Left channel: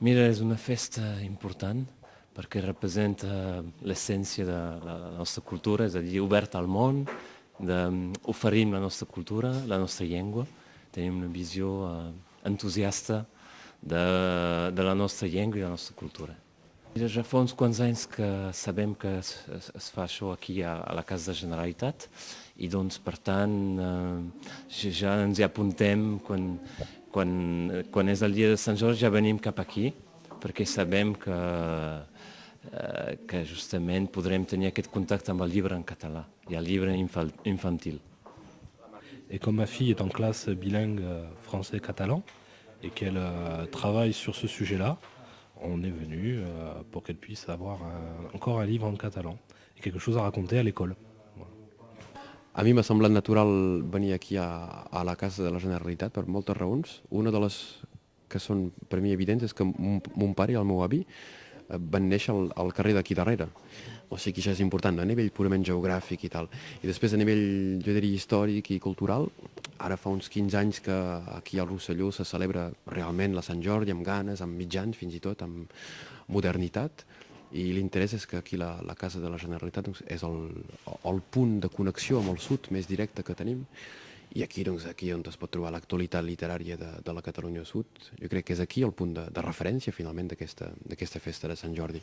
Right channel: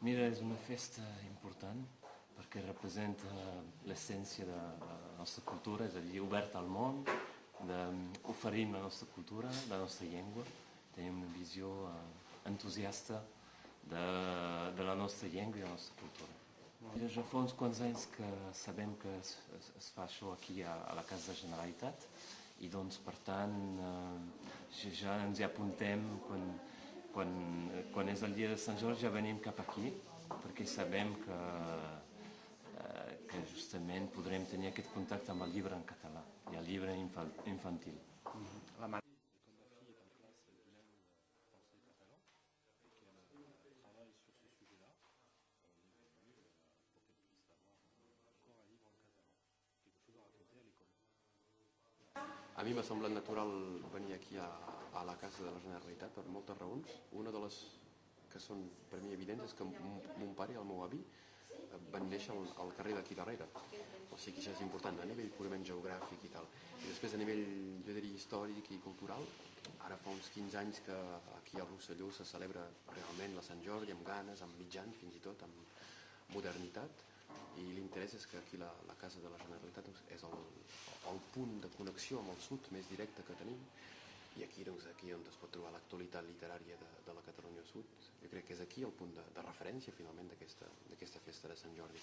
Mira, és una festa important perquè representa l'essència de la nostra cultura, és a dir, oberta al món, oferim la nostra cultura, la nostra llengua, tenim una visió entusiasta de la nostra llengua i la nostra cultura. Mira, ja fa uns quants anys que sabem que es fa això aquí a la Casa de Generalitat i doncs per tant ja ens hi apuntem quan és el dia de Sant Jordi ja venim cap aquí perquè sabem que justament podrem tenir aquest contacte amb el llibre en català i el llibre infantil. Et comme ma fille est en classe bilingue français-catalan et qu'elle travaille sur ce sujet-là, on est venu pour qu'elle puisse avoir encore un livre en catalan et quelque chose à raconter à l'école. Voilà. A mi m'ha semblat natural venir aquí a la Casa de la Generalitat per moltes raons. Una de les que són per mi evidents és que mon pare i el meu avi van néixer al carrer d'aquí darrere. O sigui que això és important, a nivell purament geogràfic i tal. I després a nivell, jo diria, històric i cultural, ara fa uns 15 anys que aquí al Rosselló se celebra realment la Sant Jordi amb ganes, amb mitjans, fins i tot amb modernitat. I l'interès és que aquí la Casa de la Generalitat és el punt de connexió amb el sud més directe que tenim. I aquí, aquí on es pot trobar l'actualitat literària de la Catalunya Sud, jo crec que és aquí el punt de referència finalment d'aquesta festa de Sant Jordi.